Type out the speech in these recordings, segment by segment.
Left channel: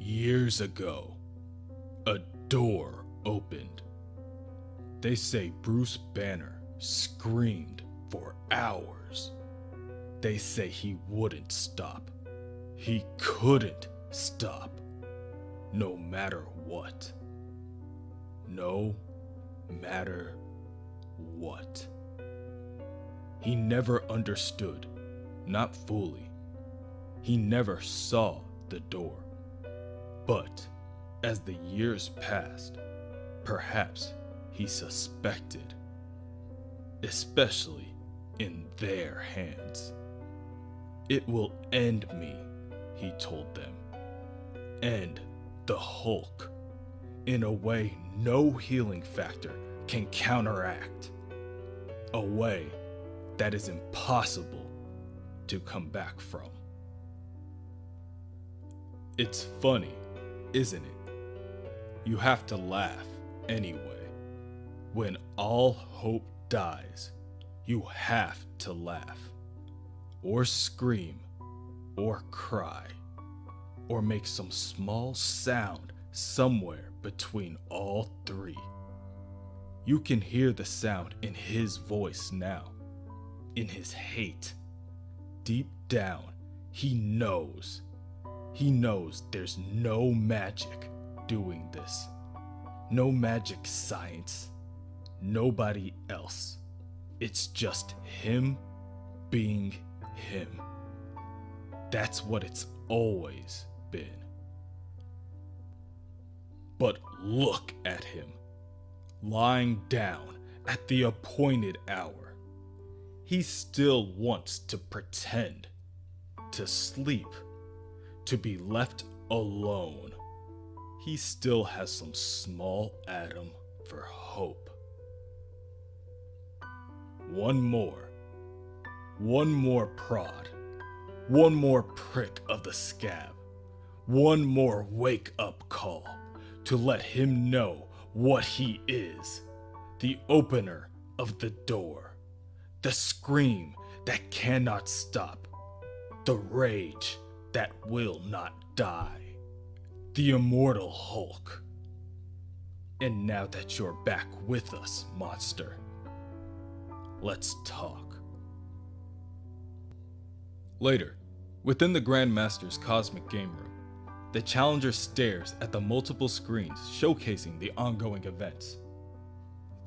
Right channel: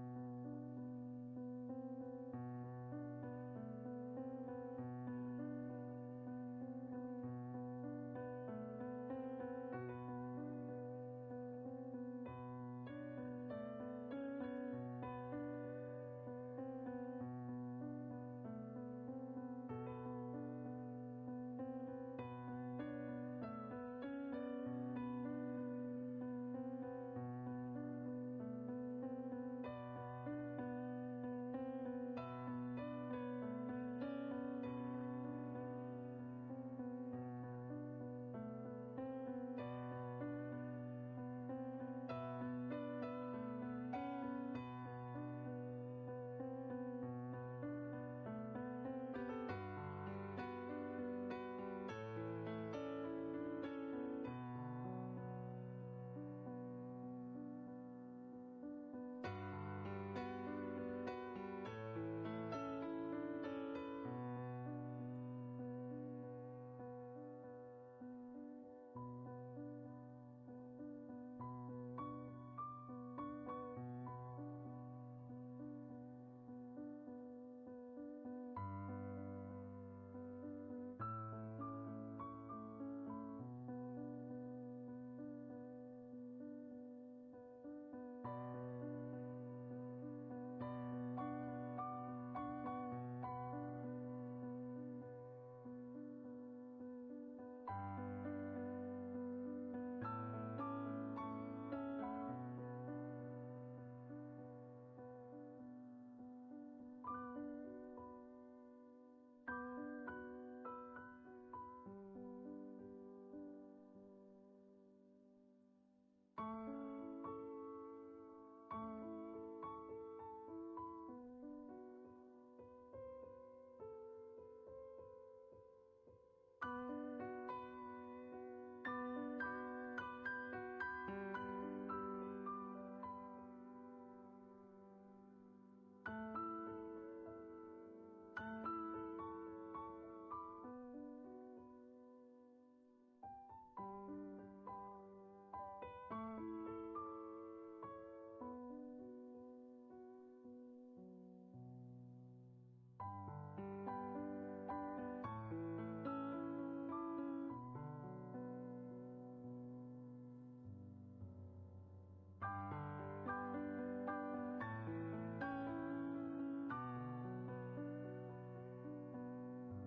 Years ago, a door opened. They say Bruce Banner screamed for hours. They say he wouldn't stop. He couldn't stop. No matter what. No matter what. He never understood, not fully. He never saw the door. But as the years passed, perhaps he suspected, especially in their hands. It will end me, he told them. End the Hulk in a way no healing factor can counteract. A way that is impossible to come back from. It's funny, isn't it? You have to laugh anyway. When all hope dies, you have to laugh, or scream, or cry, or make some small sound somewhere between all three. You can hear the sound in his voice now, in his hate. Deep down, he knows. He knows there's no magic doing this. No magic science. Nobody else. It's just him being him. That's what it's always been. But look at him, lying down at the appointed hour. He still wants to pretend, to sleep, to be left alone. He still has some small atom for hope. One more prod, one more prick of the scab, one more wake-up call to let him know what he is, the opener of the door, the scream that cannot stop, the rage that will not die, the Immortal Hulk. And now that you're back with us, monster, let's talk. Later, within the Grandmaster's cosmic game room, the Challenger stares at the multiple screens showcasing the ongoing events.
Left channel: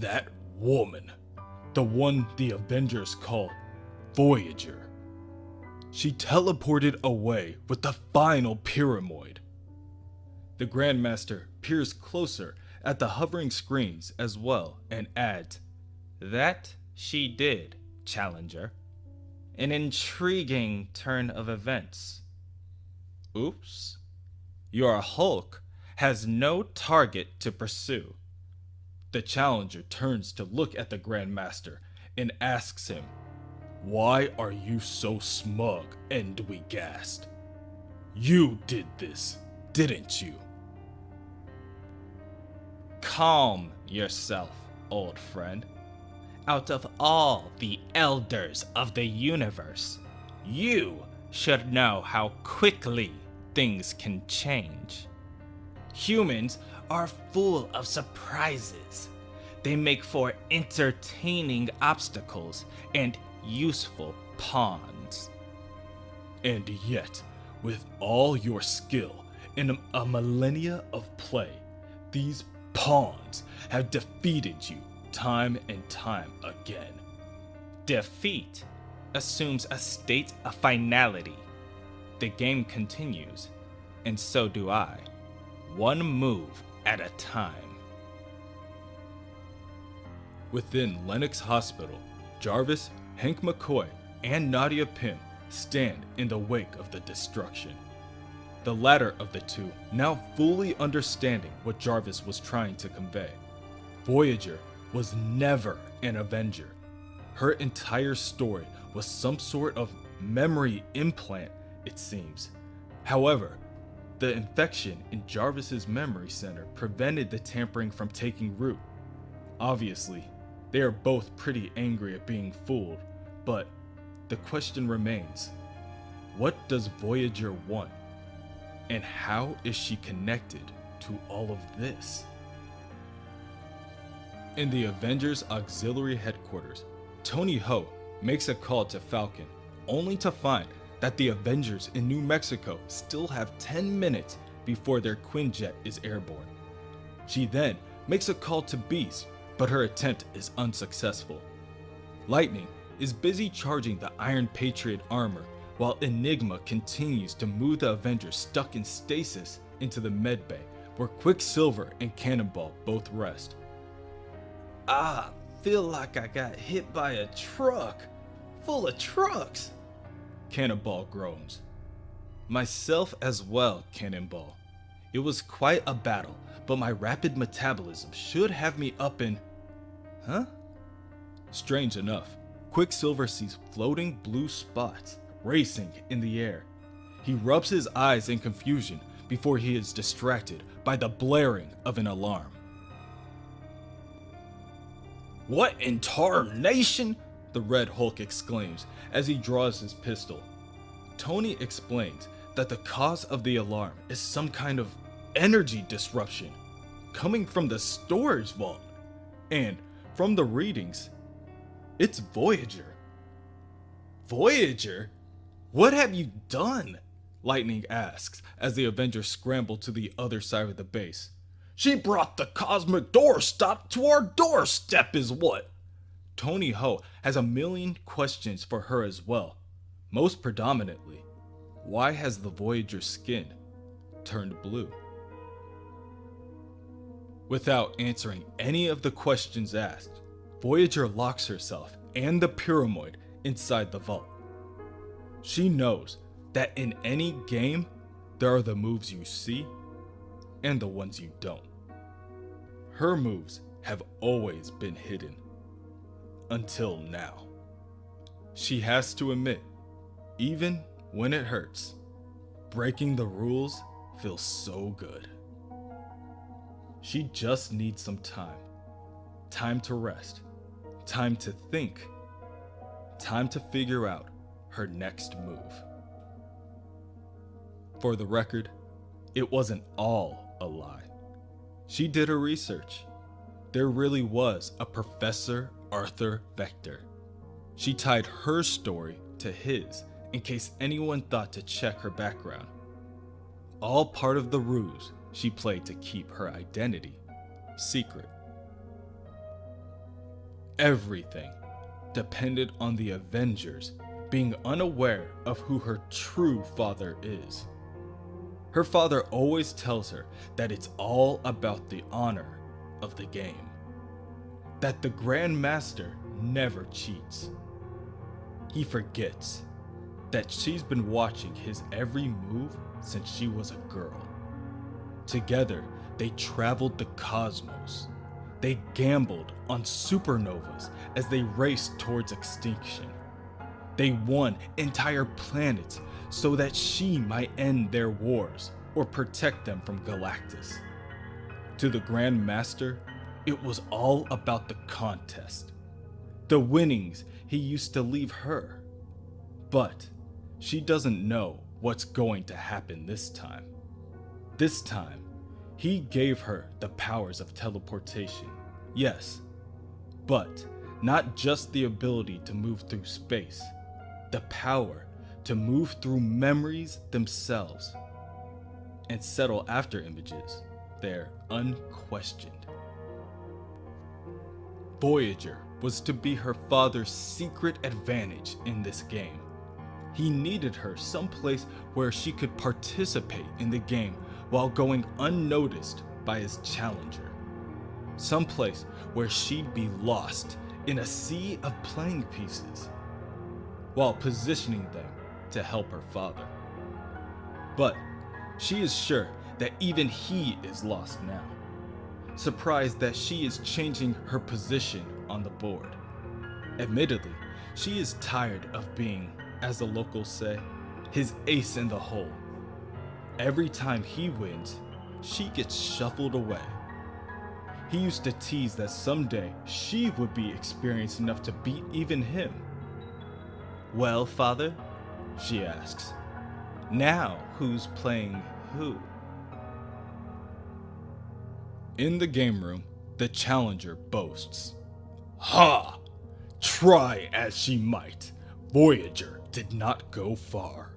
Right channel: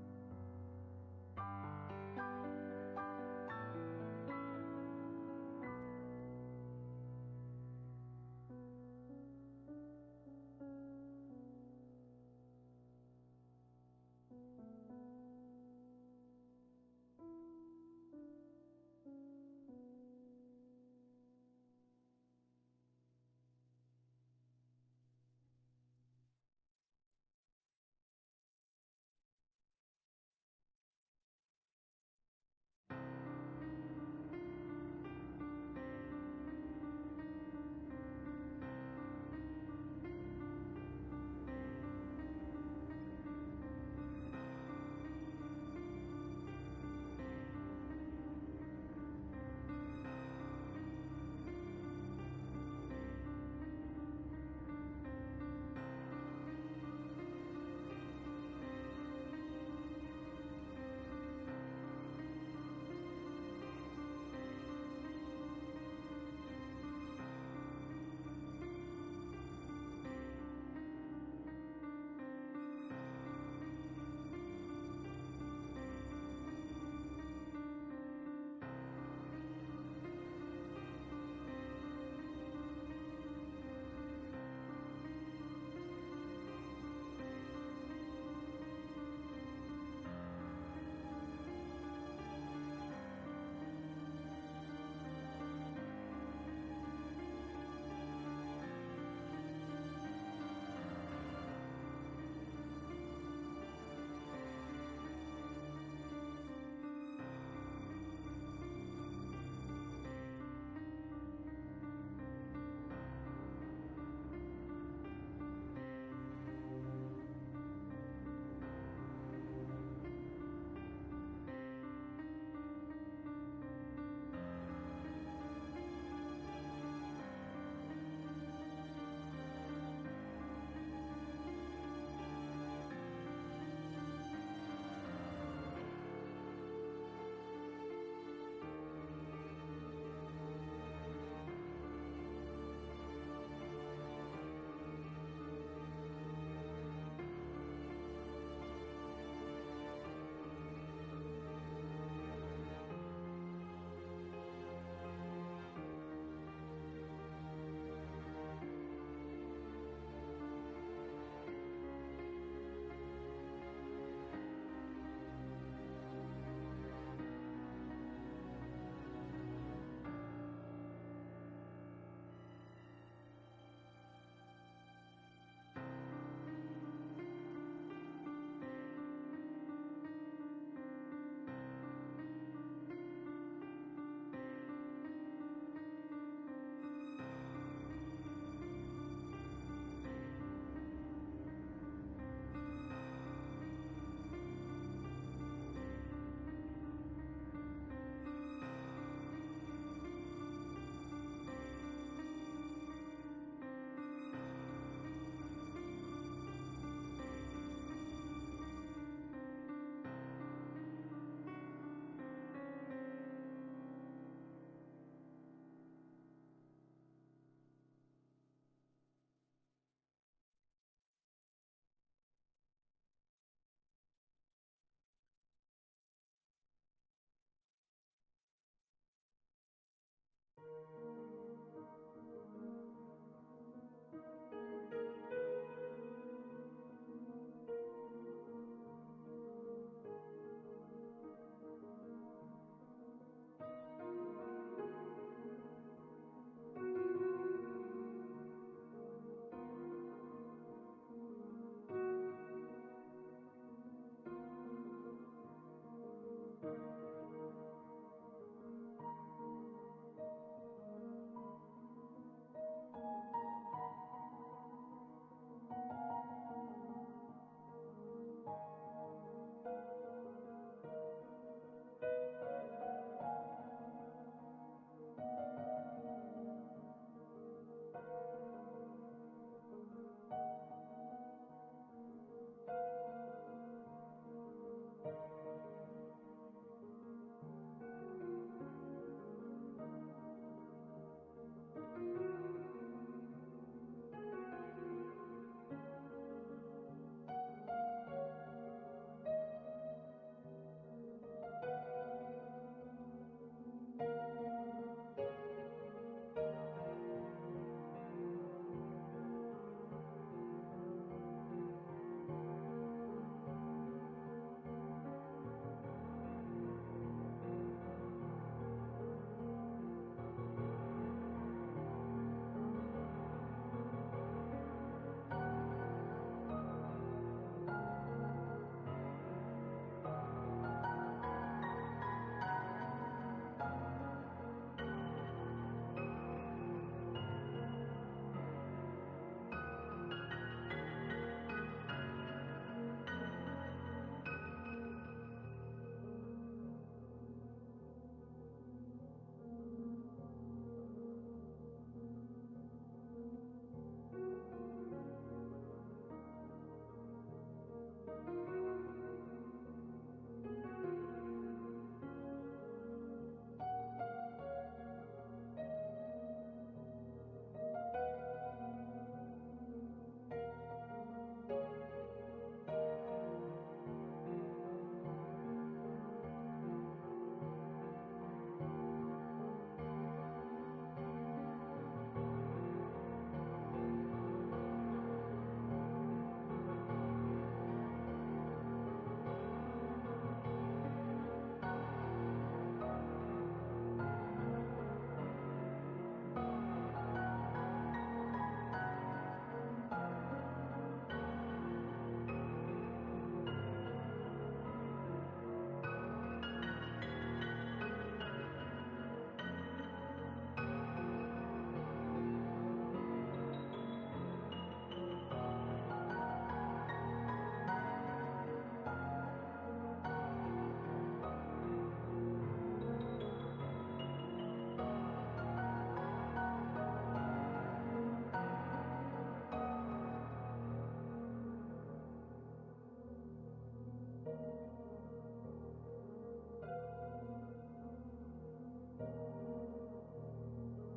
That woman, the one the Avengers call Voyager, she teleported away with the final pyramoid. The Grandmaster peers closer at the hovering screens as well and adds, "That she did, Challenger. An intriguing turn of events. Oops. Your Hulk has no target to pursue." The Challenger turns to look at the Grandmaster and asks him, "Why are you so smug and dwegassed? You did this, didn't you?" Calm yourself, old friend. Out of all the elders of the universe, you should know how quickly things can change. Humans are full of surprises. They make for entertaining obstacles and useful pawns. And yet, with all your skill in a millennia of play, these pawns have defeated you time and time again. Defeat assumes a state of finality. The game continues, and so do I, one move at a time. Within Lennox Hospital, Jarvis, Hank McCoy, and Nadia Pym stand in the wake of the destruction. The latter of the two now fully understanding what Jarvis was trying to convey. Voyager was never an Avenger. Her entire story was some sort of memory implant, it seems. However, the infection in Jarvis's memory center prevented the tampering from taking root. Obviously, they are both pretty angry at being fooled, but the question remains, what does Voyager want? And how is she connected to all of this? In the Avengers Auxiliary Headquarters, Tony Ho makes a call to Falcon, only to find that the Avengers in New Mexico still have 10 minutes before their Quinjet is airborne. She then makes a call to Beast, but her attempt is unsuccessful. Lightning is busy charging the Iron Patriot armor, while Enigma continues to move the Avengers stuck in stasis into the medbay, where Quicksilver and Cannonball both rest. Feel like I got hit by a truck, full of trucks, Cannonball groans. Myself as well, Cannonball. It was quite a battle, but my rapid metabolism should have me up in... Huh? Strange enough, Quicksilver sees floating blue spots racing in the air. He rubs his eyes in confusion before he is distracted by the blaring of an alarm. What in tarnation? The Red Hulk exclaims as he draws his pistol. Tony explains that the cause of the alarm is some kind of energy disruption coming from the storage vault, and from the readings, it's Voyager. Voyager? What have you done? Lightning asks as the Avengers scramble to the other side of the base. She brought the cosmic doorstop to our doorstep is what? Tony Ho has a million questions for her as well. Most predominantly, why has the Voyager's skin turned blue? Without answering any of the questions asked, Voyager locks herself and the pyramoid inside the vault. She knows that in any game, there are the moves you see and the ones you don't. Her moves have always been hidden. Until now. She has to admit, even when it hurts, breaking the rules feels so good. She just needs some time. Time to rest. Time to think. Time to figure out her next move. For the record, it wasn't all a lie. She did her research. There really was a Professor Arthur Vector. She tied her story to his in case anyone thought to check her background. All part of the ruse she played to keep her identity secret. Everything depended on the Avengers being unaware of who her true father is. Her father always tells her that it's all about the honor of the game. That the Grandmaster never cheats. He forgets that she's been watching his every move since she was a girl. Together, they traveled the cosmos. They gambled on supernovas as they raced towards extinction. They won entire planets so that she might end their wars or protect them from Galactus. To the Grandmaster, it was all about the contest. The winnings he used to leave her. But she doesn't know what's going to happen this time. This time, he gave her the powers of teleportation, yes, but not just the ability to move through space, the power to move through memories themselves and settle after images they're unquestioned. Voyager was to be her father's secret advantage in this game. He needed her someplace where she could participate in the game while going unnoticed by his challenger. Someplace where she'd be lost in a sea of playing pieces, while positioning them to help her father. But she is sure that even he is lost now, surprised that she is changing her position on the board. Admittedly, she is tired of being, as the locals say, his ace in the hole. Every time he wins, she gets shuffled away. He used to tease that someday she would be experienced enough to beat even him. Well, father, she asks. Now, who's playing who? In the game room, the challenger boasts. Ha! Try as she might, Voyager did not go far.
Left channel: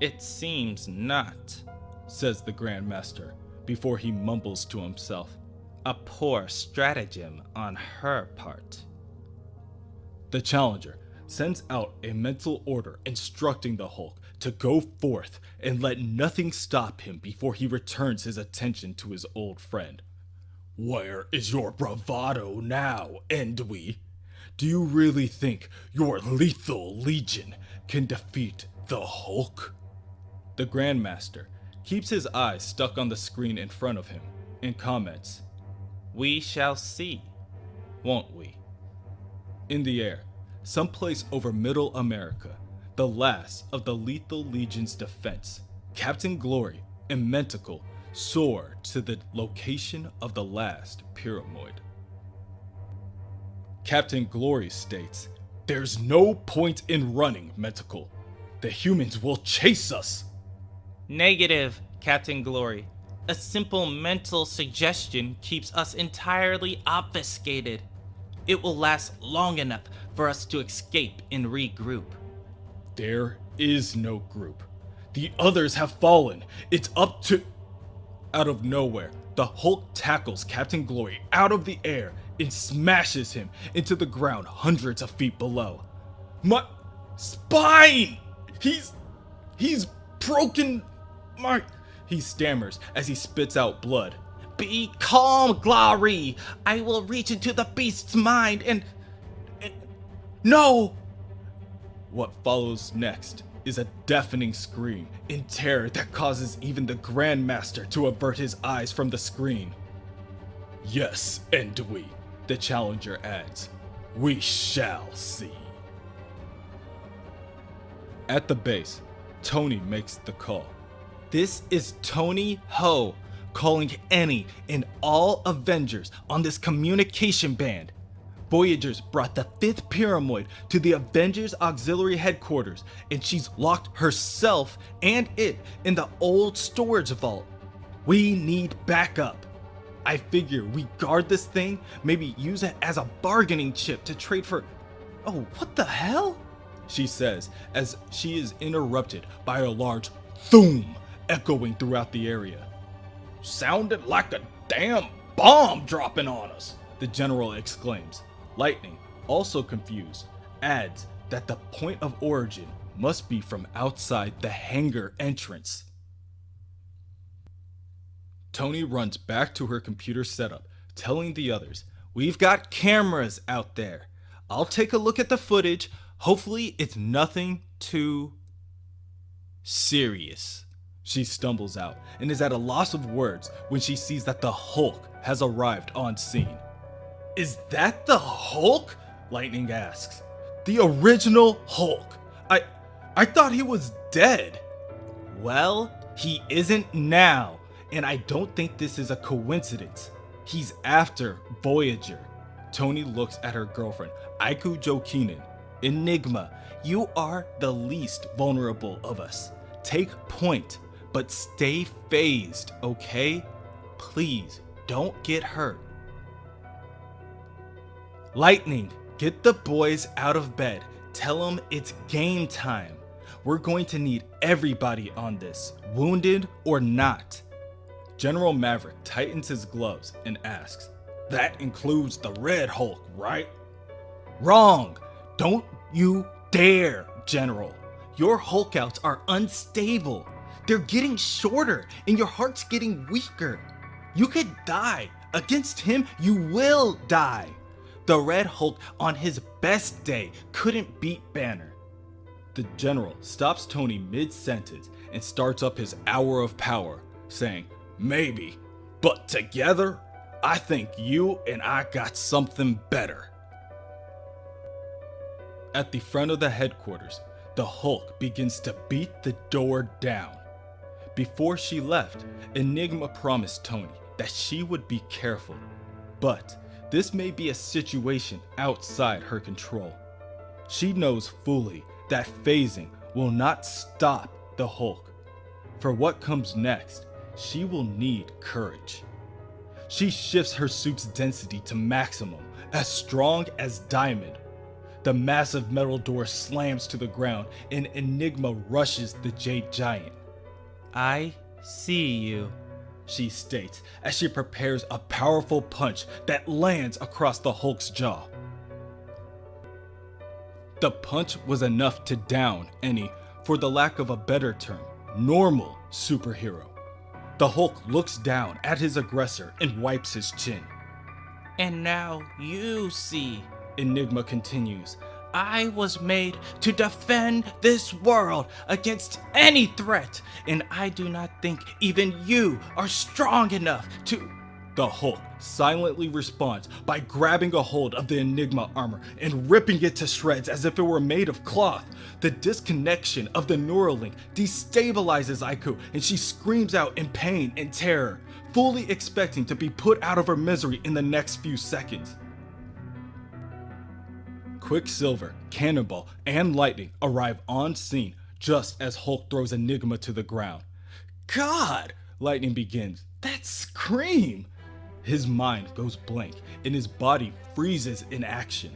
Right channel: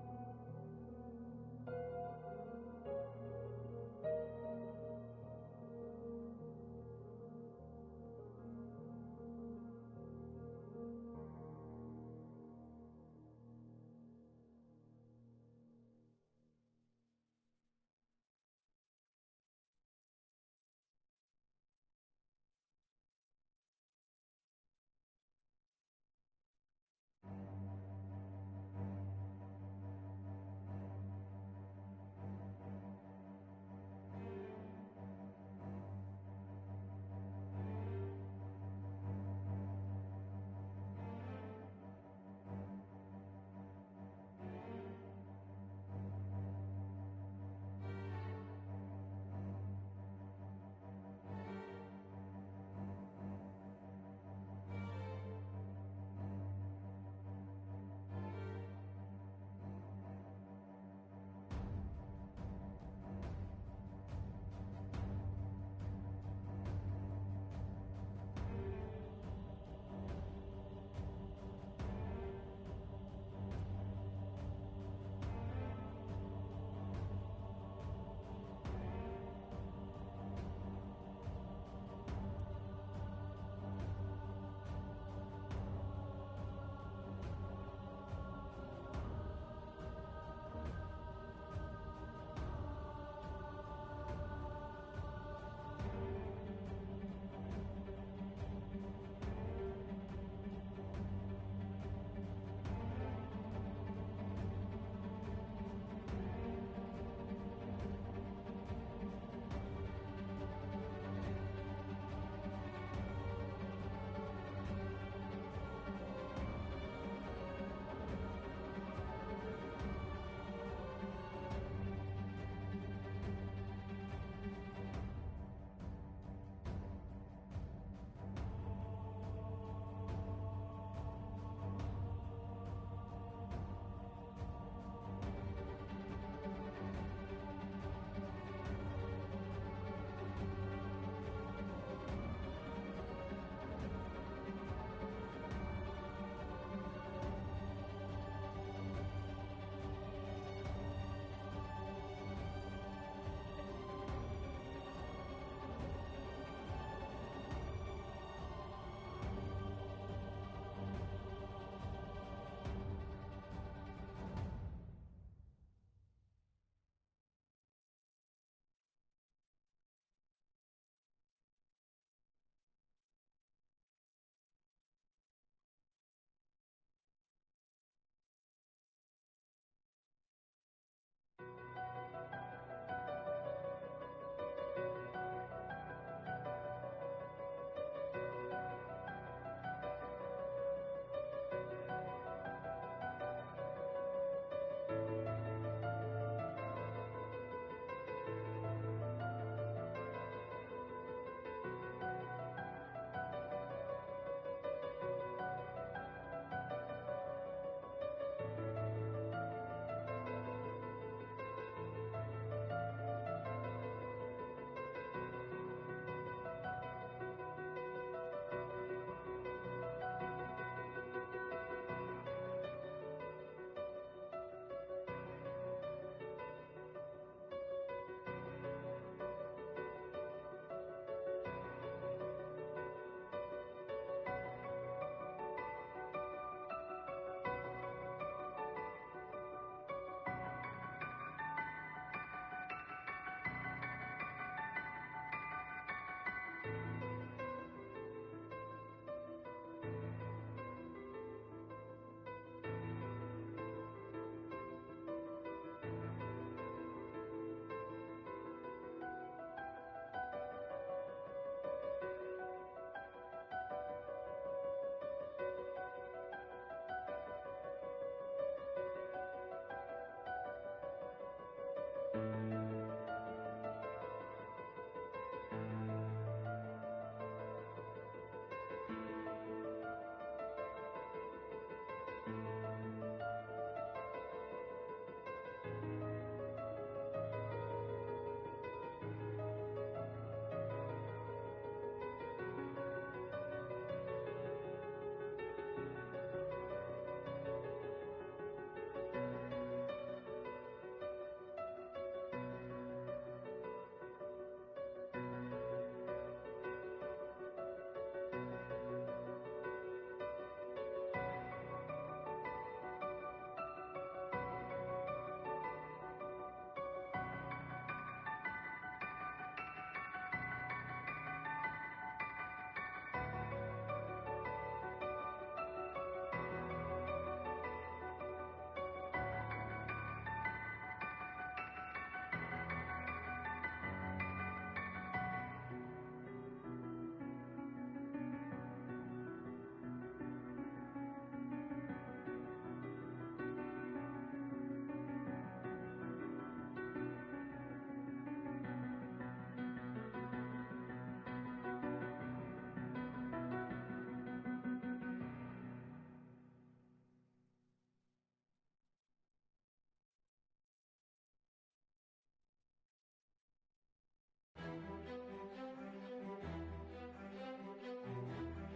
It seems not, says the Grandmaster, before he mumbles to himself. A poor stratagem on her part. The challenger sends out a mental order instructing the Hulk to go forth and let nothing stop him before he returns his attention to his old friend. Where is your bravado now, Endwi? Do you really think your lethal legion can defeat the Hulk? The Grandmaster keeps his eyes stuck on the screen in front of him and comments, We shall see, won't we? In the air, someplace over Middle America, the last of the Lethal Legion's defense, Captain Glory and Mentacle soar to the location of the last pyramoid. Captain Glory states, There's no point in running, Mentacle. The humans will chase us. Negative, Captain Glory. A simple mental suggestion keeps us entirely obfuscated. It will last long enough for us to escape and regroup. There is no group. The others have fallen. It's up to... Out of nowhere, the Hulk tackles Captain Glory out of the air and smashes him into the ground hundreds of feet below. My spine! He's broken my... He stammers as he spits out blood. Be calm, Glory! I will reach into the beast's mind and... No! What follows next is a deafening scream in terror that causes even the Grandmaster to avert his eyes from the screen. Yes, Endwi, the challenger adds. We shall see. At the base, Tony makes the call. This is Tony Ho calling any and all Avengers on this communication band. Voyagers brought the 5th pyramoid to the Avengers Auxiliary Headquarters, and she's locked herself and it in the old storage vault. We need backup. I figure we guard this thing, maybe use it as a bargaining chip to trade for... Oh, what the hell? She says, as she is interrupted by a large thoom echoing throughout the area. Sounded like a damn bomb dropping on us, the general exclaims. Lightning, also confused, adds that the point of origin must be from outside the hangar entrance. Tony runs back to her computer setup, telling the others, We've got cameras out there. I'll take a look at the footage. Hopefully it's nothing too serious. She stumbles out and is at a loss of words when she sees that the Hulk has arrived on scene. Is that the Hulk? Lightning asks. The original Hulk. I thought he was dead. Well, he isn't now, and I don't think this is a coincidence. He's after Voyager. Tony looks at her girlfriend, Aiku Jokinen. Enigma, you are the least vulnerable of us. Take point, but stay phased, okay? Please, don't get hurt. Lightning, get the boys out of bed. Tell them it's game time. We're going to need everybody on this, wounded or not. General Maverick tightens his gloves and asks, That includes the Red Hulk, right? Wrong! Don't you dare, General. Your Hulkouts are unstable. They're getting shorter and your heart's getting weaker. You could die. Against him, you will die. The Red Hulk on his best day couldn't beat Banner. The General stops Tony mid-sentence and starts up his hour of power, saying, Maybe, but together, I think you and I got something better. At the front of the headquarters, the Hulk begins to beat the door down. Before she left, Enigma promised Tony that she would be careful, but this may be a situation outside her control. She knows fully that phasing will not stop the Hulk. For what comes next, she will need courage. She shifts her suit's density to maximum, as strong as diamond. The massive metal door slams to the ground and Enigma rushes the Jade Giant. I see you, she states as she prepares a powerful punch that lands across the Hulk's jaw. The punch was enough to down any, for the lack of a better term, normal superhero. The Hulk looks down at his aggressor and wipes his chin. And now you see, Enigma continues. I was made to defend this world against any threat, and I do not think even you are strong enough to... The Hulk silently responds by grabbing a hold of the Enigma armor and ripping it to shreds as if it were made of cloth. The disconnection of the Neuralink destabilizes Aiku, and she screams out in pain and terror, fully expecting to be put out of her misery in the next few seconds. Quicksilver, Cannonball, and Lightning arrive on scene just as Hulk throws Enigma to the ground. God! Lightning begins. That scream! His mind goes blank and his body freezes in action.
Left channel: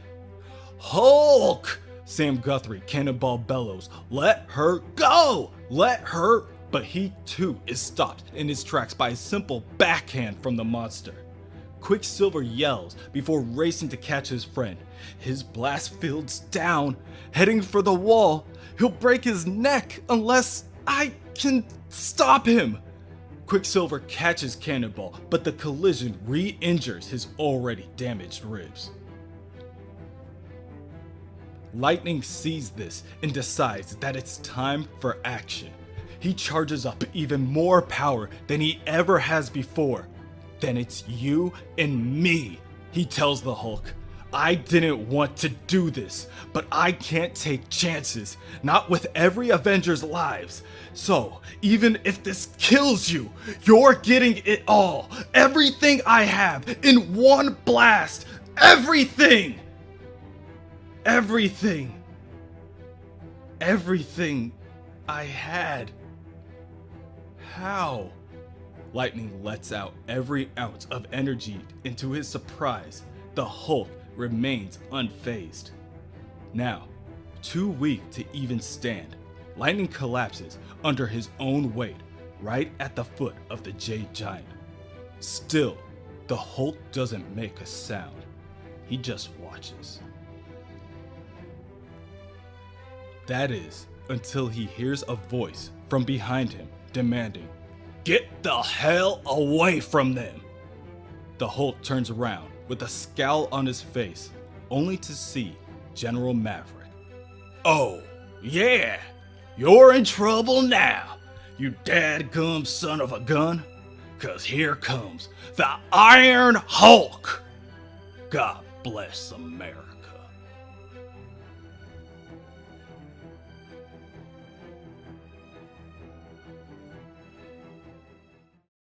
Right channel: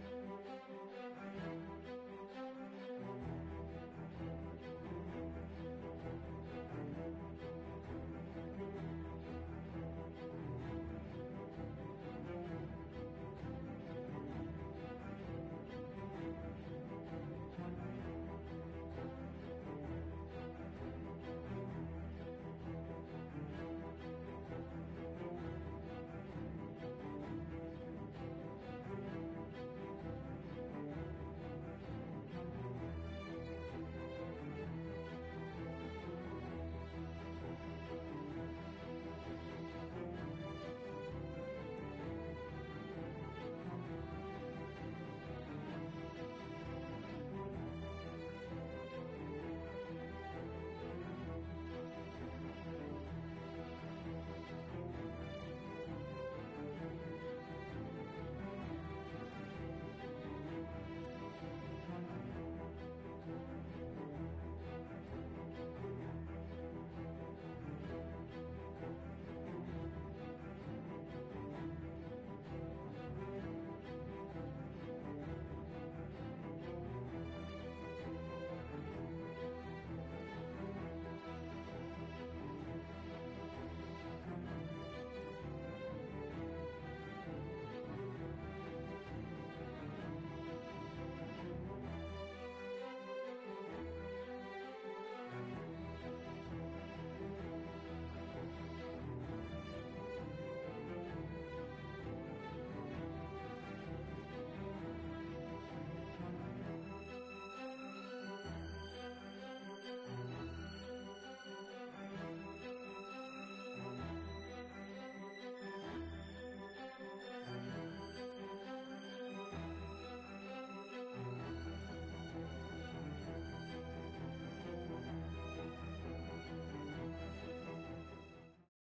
Hulk! Sam Guthrie, Cannonball bellows. Let her go! Let her! But he too is stopped in his tracks by a simple backhand from the monster. Quicksilver yells before racing to catch his friend. His blast fields down, heading for the wall. He'll break his neck unless I can stop him. Quicksilver catches Cannonball, but the collision re-injures his already damaged ribs. Lightning sees this and decides that it's time for action. He charges up even more power than he ever has before. Then it's you and me, he tells the Hulk. I didn't want to do this, but I can't take chances, not with every Avenger's lives. So, even if this kills you, you're getting it all. Everything I have in one blast. Everything! Everything. Everything I had. How? Lightning lets out every ounce of energy into his surprise. The Hulk remains unfazed. Now, too weak to even stand, Lightning collapses under his own weight right at the foot of the Jade Giant. Still, the Hulk doesn't make a sound. He just watches. That is, until he hears a voice from behind him demanding, "Get the hell away from them!" The Hulk turns around with a scowl on his face, only to see General Maverick. "Oh, yeah, you're in trouble now, you dadgum son of a gun, 'cause here comes the Iron Hulk! God bless America."